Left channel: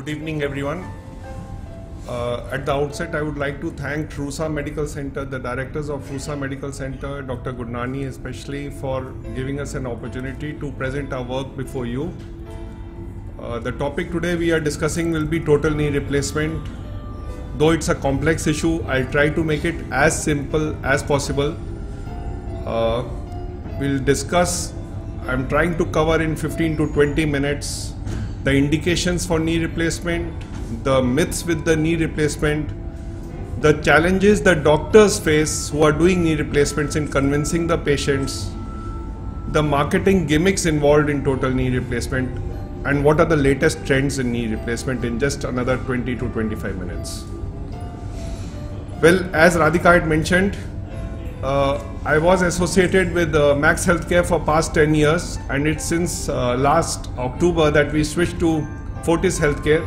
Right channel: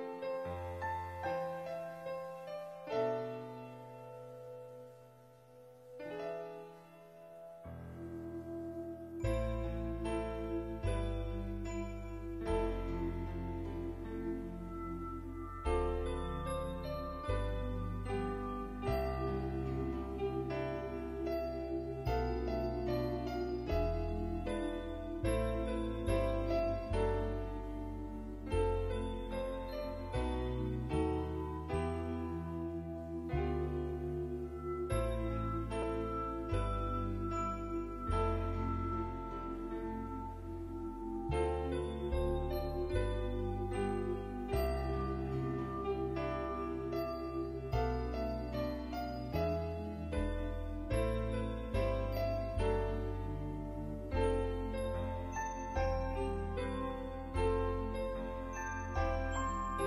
Good evening, everyone. At the outset, I would like to thank Rusa Medical Center, the directors of Rusa Medical Center, Dr. Gurnani especially, for giving us an opportunity to present our work before you. The topic today we are discussing will be total knee replacement. Though it's a complex issue, I'll try to make it as simple as possible. We'll discuss, I'm trying to cover in 15 to 20 minutes, the indications for knee replacement, the myths with the knee replacement, the challenges that doctors face who are doing knee replacements in convincing the patients, the marketing gimmicks involved in total knee replacement, and what are the latest trends in knee replacement in just another 20 to 25 minutes. Well, as Radhika had mentioned, I was associated with Max Healthcare for past 10 years, and it's since last October that we switched to Fortis Healthcare.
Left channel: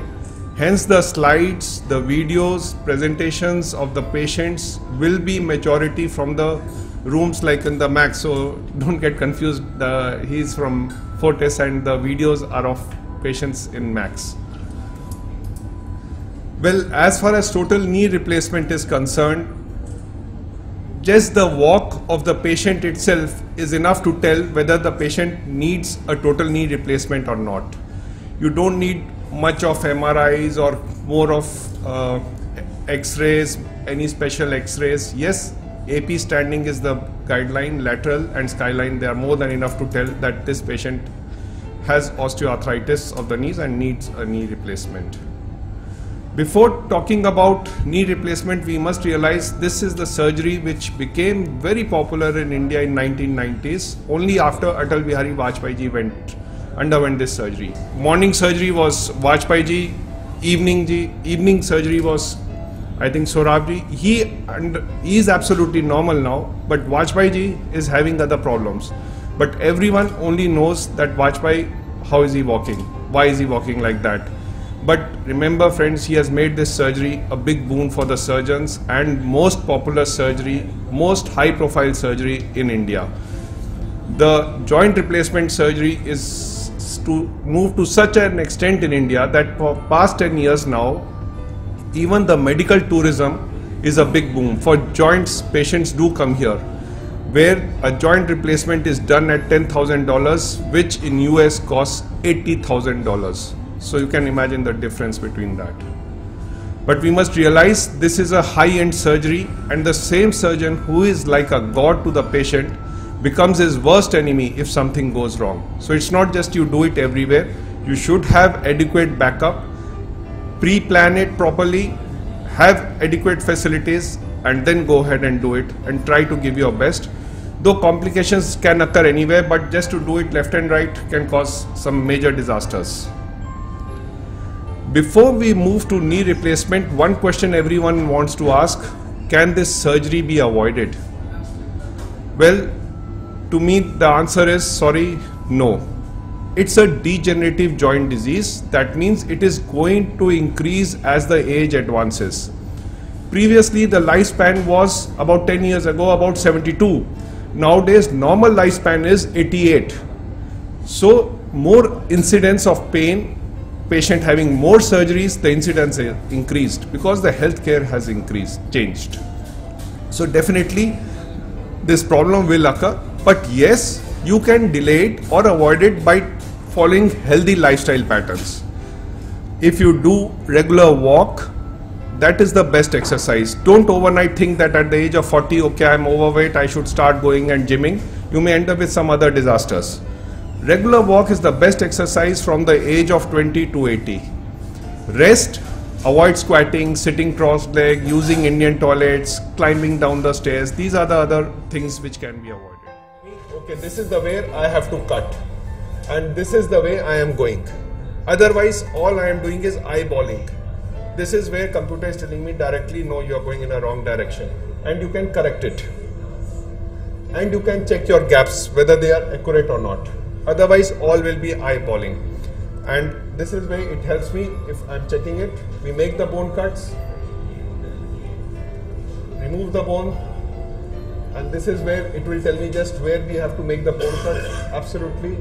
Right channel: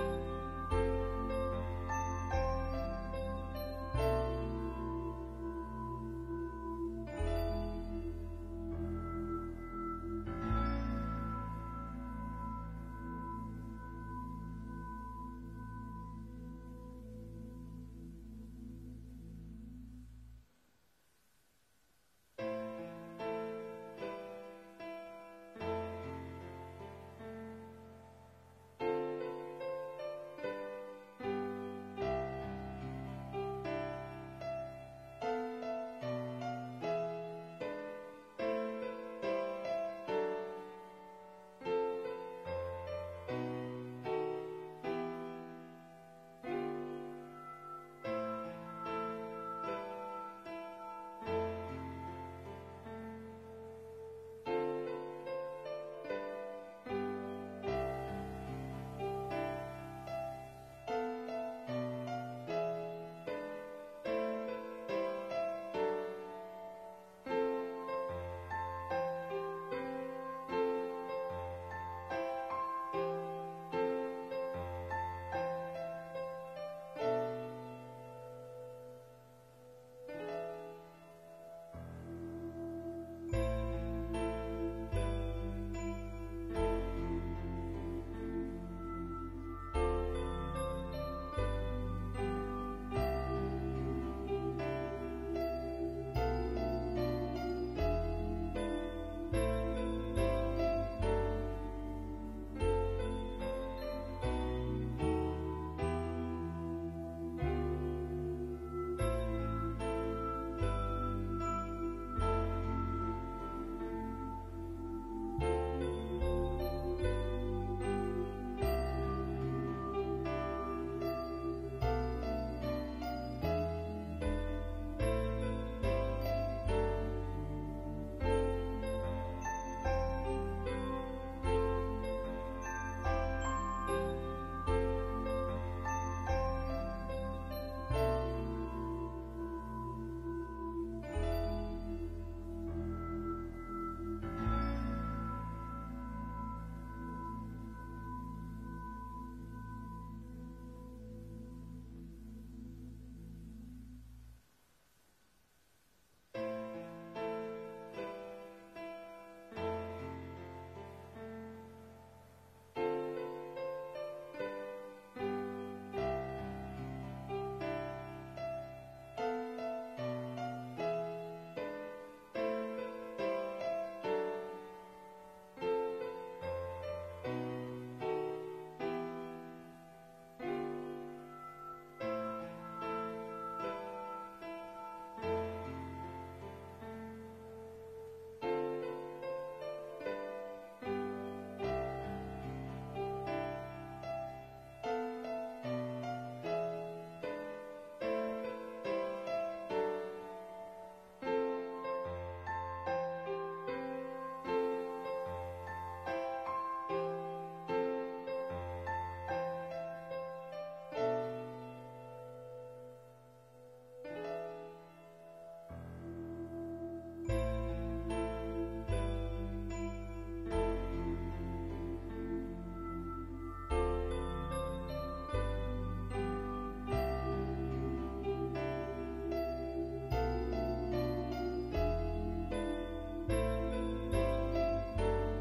Hence the slides, the videos, presentations of the patients will be majority from the rooms like in the Max, so don't get confused, he's from Fortis and the videos are of patients in Max. Well, as far as total knee replacement is concerned, just the walk of the patient itself is enough to tell whether the patient needs a total knee replacement or not. You don't need much of MRIs or more of X-rays, any special X-rays. Yes, AP standing is the guideline, lateral and skyline, they are more than enough to tell that this patient has osteoarthritis of the knees and needs a knee replacement. Before talking about knee replacement, we must realize this is the surgery which became very popular in India in 1990s, only after Atal Bihari Vajpayee ji underwent this surgery. Morning surgery was Vajpayee ji, evening surgery was, I think, Sorab ji. He is absolutely normal now, but Vajpayee ji is having other problems. But everyone only knows that Vajpayee, how is he walking? Why is he walking like that? But remember friends, he has made this surgery a big boon for the surgeons and most popular surgery, most high profile surgery in India. The joint replacement surgery is to move to such an extent in India that for past 10 years now, even the medical tourism is a big boom. For joints, patients do come here, where a joint replacement is done at $10,000, which in US costs $80,000. So you can imagine the difference between that. But we must realize this is a high-end surgery, and the same surgeon who is like a god to the patient becomes his worst enemy if something goes wrong. So it's not just you do it everywhere. You should have adequate backup, pre-plan it properly, have adequate facilities, and then go ahead and do it and try to give your best. Though complications can occur anywhere, but just to do it left and right can cause some major disasters. Before we move to knee replacement, one question everyone wants to ask: can this surgery be avoided? Well, to me the answer is sorry, no. It's a degenerative joint disease. That means it is going to increase as the age advances. Previously the lifespan was about 10 years ago about 72. Nowadays normal lifespan is 88. So more incidence of pain, patient having more surgeries, the incidence increased because the healthcare has changed. So definitely this problem will occur, but yes, you can delay it or avoid it by following healthy lifestyle patterns. If you do regular walk, that is the best exercise. Don't overnight think that at the age of 40, okay, I'm overweight, I should start going and gymming. You may end up with some other disasters. Regular walk is the best exercise from the age of 20 to 80. Rest, avoid squatting, sitting cross-legged, using Indian toilets, climbing down the stairs. These are the other things which can be avoided. Okay, this is the way I have to cut, and this is the way I am going. Otherwise, all I am doing is eyeballing. This is where computer is telling me directly, no, you are going in a wrong direction, and you can correct it. And you can check your gaps, whether they are accurate or not. Otherwise, all will be eyeballing. And this is where it helps me if I'm checking it. We make the bone cuts, remove the bone, and this is where it will tell me just where we have to make the bone cut. Absolutely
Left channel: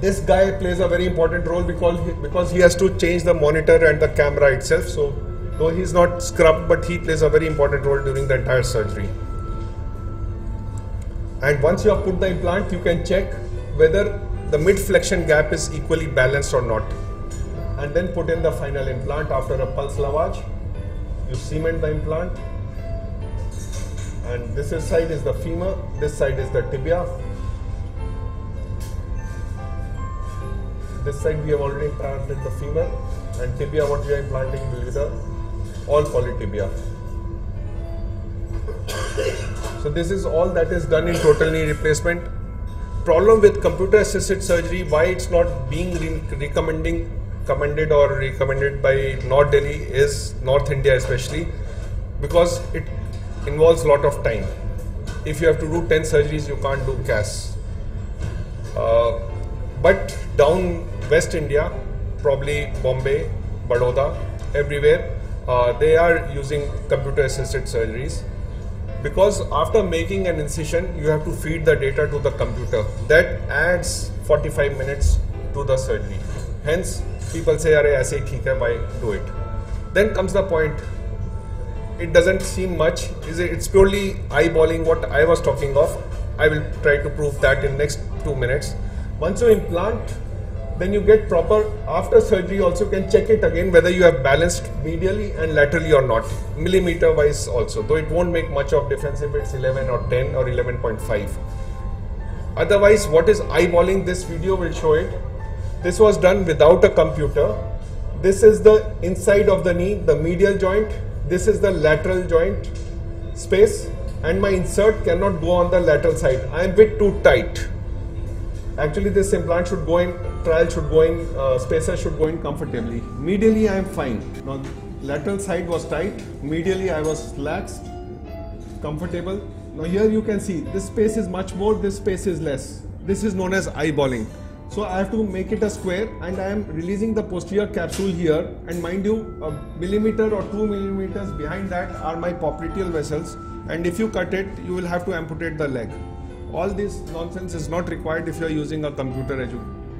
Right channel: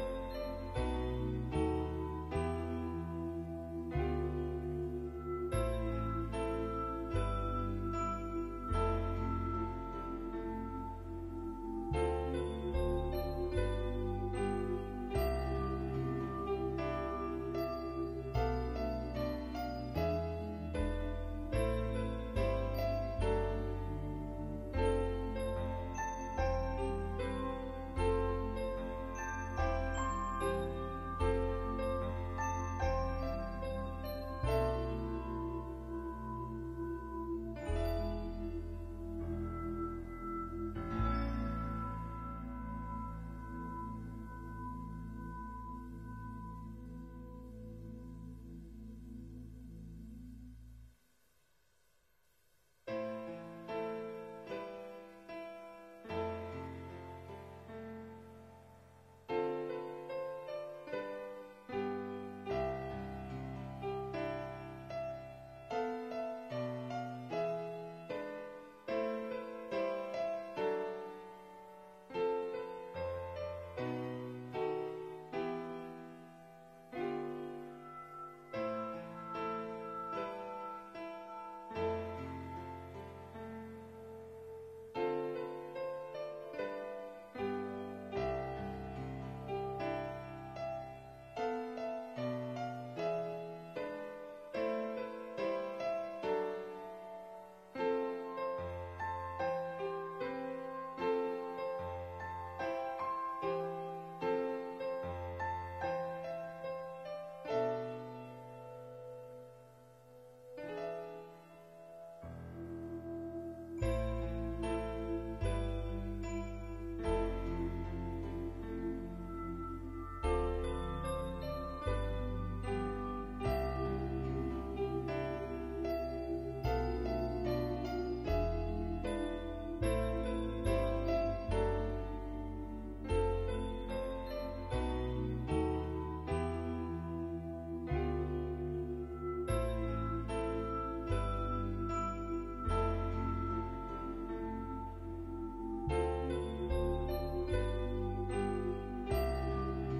This guy plays a very important role because he has to change the monitor and the camera itself. So though he's not scrubbed, but he plays a very important role during the entire surgery. And once you have put the implant, you can check whether the mid-flexion gap is equally balanced or not. And then put in the final implant after a pulse lavage. You cement the implant. And this side is the femur, this side is the tibia. This side we have already implanted the femur, and tibia what we are implanting will be the all polytibia. So this is all that is done in total knee replacement. Problem with computer assisted surgery, why it's not being recommended or recommended by North Delhi is North India especially, because it involves a lot of time. If you have to do 10 surgeries, you can't do CAS. But down West India, probably Bombay, Baroda, everywhere, they are using computer assisted surgeries, because after making an incision, you have to feed the data to the computer. That adds 45 minutes to the surgery. Hence, people say, "Arey, aise hi theek hai, why do it?" Then comes the point. It doesn't seem much. It's purely eyeballing what I was talking of. I will try to prove that in next 2 minutes. Once you implant, then you get proper, after surgery also can check it again whether you have balanced medially and laterally or not, millimeter wise also, though it won't make much of difference if it's 11 or 10 or 11.5. Otherwise, what is eyeballing, this video will show it. This was done without a computer. This is the inside of the knee, the medial joint. This is the lateral joint space, and my insert cannot go on the lateral side. I am a bit too tight. Actually, this implant should go in, spacer should go in comfortably. Medially, I am fine. Now, lateral side was tight, medially I was lax, comfortable. Now here you can see, this space is much more, this space is less. This is known as eyeballing. So I have to make it a square, and I am releasing the posterior capsule here, and mind you, a millimeter or 2 millimeters behind that are my popliteal vessels, and if you cut it, you will have to amputate the leg. All this nonsense is not required if you are using a computer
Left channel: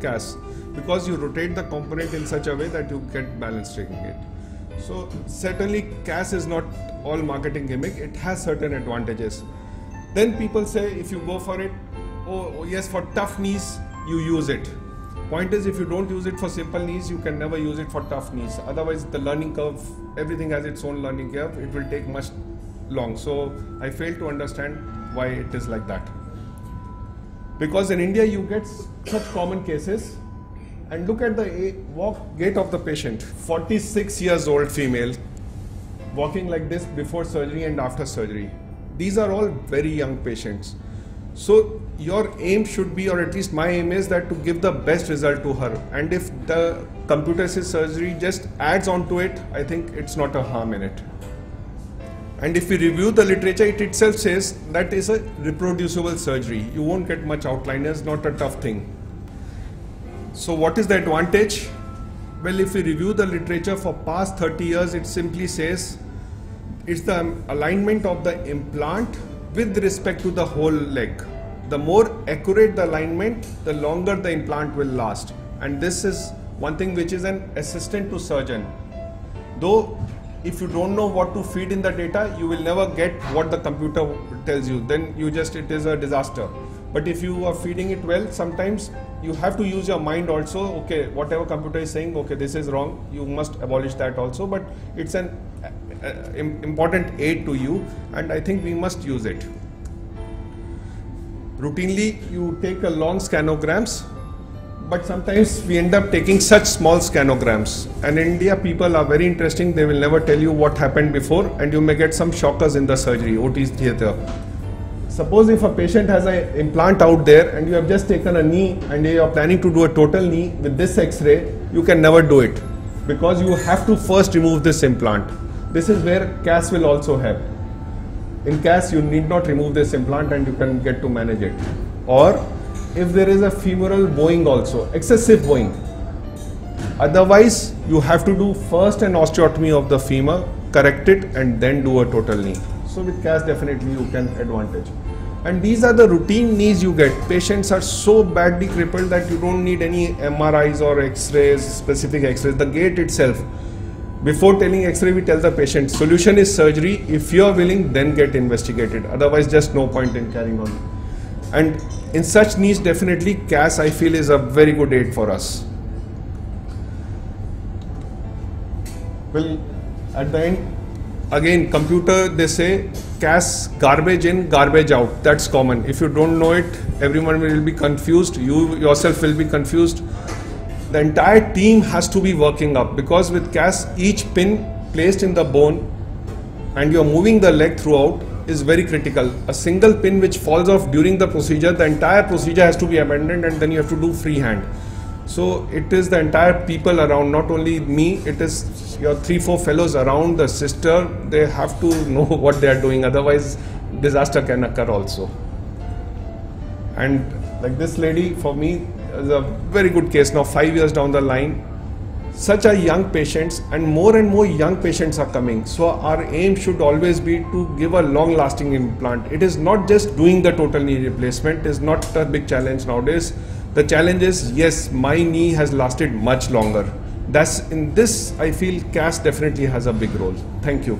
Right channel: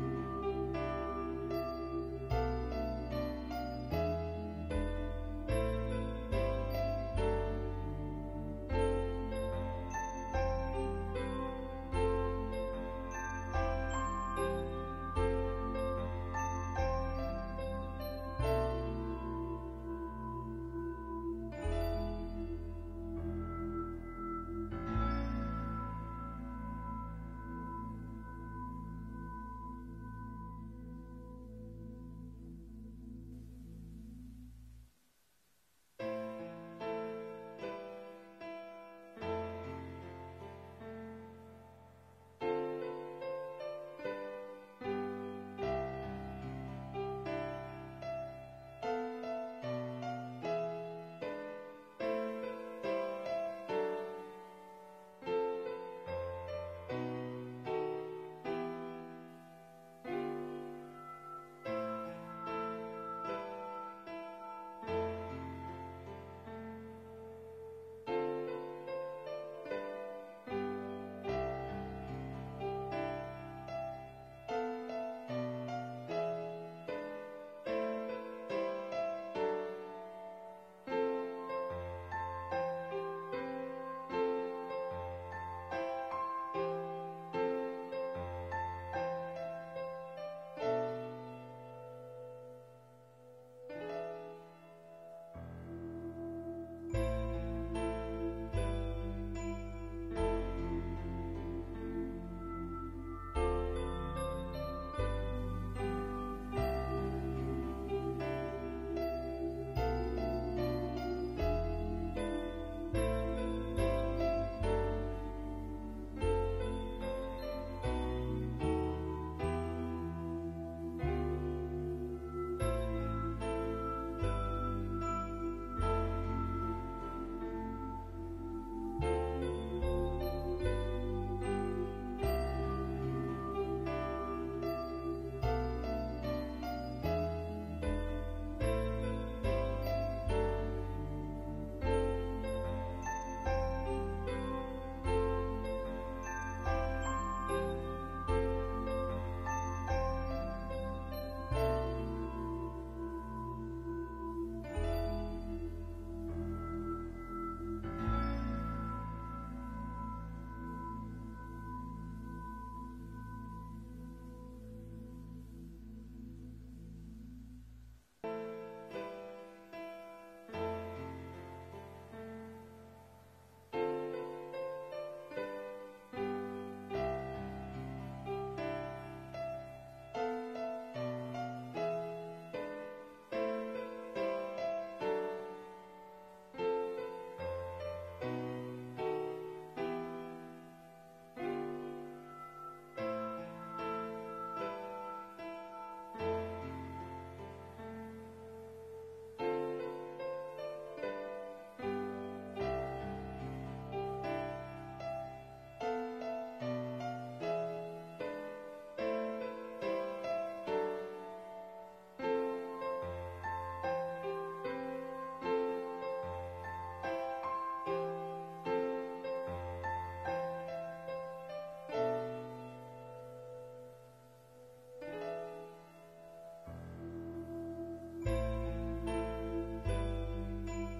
CAS, because you rotate the component in such a way that you get balance taking it. So certainly CAS is not all marketing gimmick, it has certain advantages. Then people say, if you go for it, oh yes, for tough knees you use it. Point is, if you don't use it for simple knees, you can never use it for tough knees. Otherwise the learning curve, everything has its own learning curve, it will take much long. So I fail to understand why it is like that. Because in India you get such common cases, and look at the gait of the patient. 46 years old female, walking like this before surgery and after surgery. These are all very young patients. So your aim should be, or at least my aim is, that to give the best result to her. And if the computer assisted surgery just adds on to it, I think it's not a harm in it. And if we review the literature, it itself says that is a reproducible surgery. You won't get much outliners, not a tough thing. So what is the advantage? Well, if we review the literature for past 30 years, it simply says it's the alignment of the implant with respect to the whole leg. The more accurate the alignment, the longer the implant will last. And this is one thing which is an assistant to surgeon. Though if you don't know what to feed in the data, you will never get what the computer tells you. Then it is a disaster. But if you are feeding it well, sometimes you have to use your mind also. Okay, whatever computer is saying, okay, this is wrong, you must abolish that also. But it's an important aid to you, and I think we must use it. Routinely, you take a long scanograms, but sometimes we end up taking such small scanograms. And in India, people are very interesting. They will never tell you what happened before, and you may get some shockers in the surgery, OT theatre. Suppose if a patient has an implant out there and you have just taken a knee and you are planning to do a total knee with this X-ray, you can never do it, because you have to first remove this implant. This is where CAS will also help. In CAS, you need not remove this implant and you can get to manage it. Or if there is a femoral bowing also, excessive bowing. Otherwise, you have to do first an osteotomy of the femur, correct it, and then do a total knee. So with CAS, definitely you can advantage. And these are the routine knees you get. Patients are so badly crippled that you don't need any MRIs or X-rays, specific X-rays. The gait itself. Before telling X-ray, we tell the patient, solution is surgery. If you are willing, then get investigated. Otherwise, just no point in carrying on. And in such knees, definitely CAS, I feel, is a very good aid for us. Well, at the end, again, computer, they say CAS, garbage in, garbage out. That's common. If you don't know it, everyone will be confused. You yourself will be confused. The entire team has to be working up, because with CAS, each pin placed in the bone and you're moving the leg throughout is very critical. A single pin which falls off during the procedure, the entire procedure has to be abandoned, and then you have to do freehand. So it is the entire people around, not only me, it is your 3-4 fellows around, the sister, they have to know what they are doing, otherwise disaster can occur also. And like this lady, for me, is a very good case now, 5 years down the line. Such a young patients, and more young patients are coming. So our aim should always be to give a long-lasting implant. It is not just doing the total knee replacement, is not a big challenge nowadays. The challenge is, yes, my knee has lasted much longer. That's in this, I feel CAS definitely has a big role. Thank you.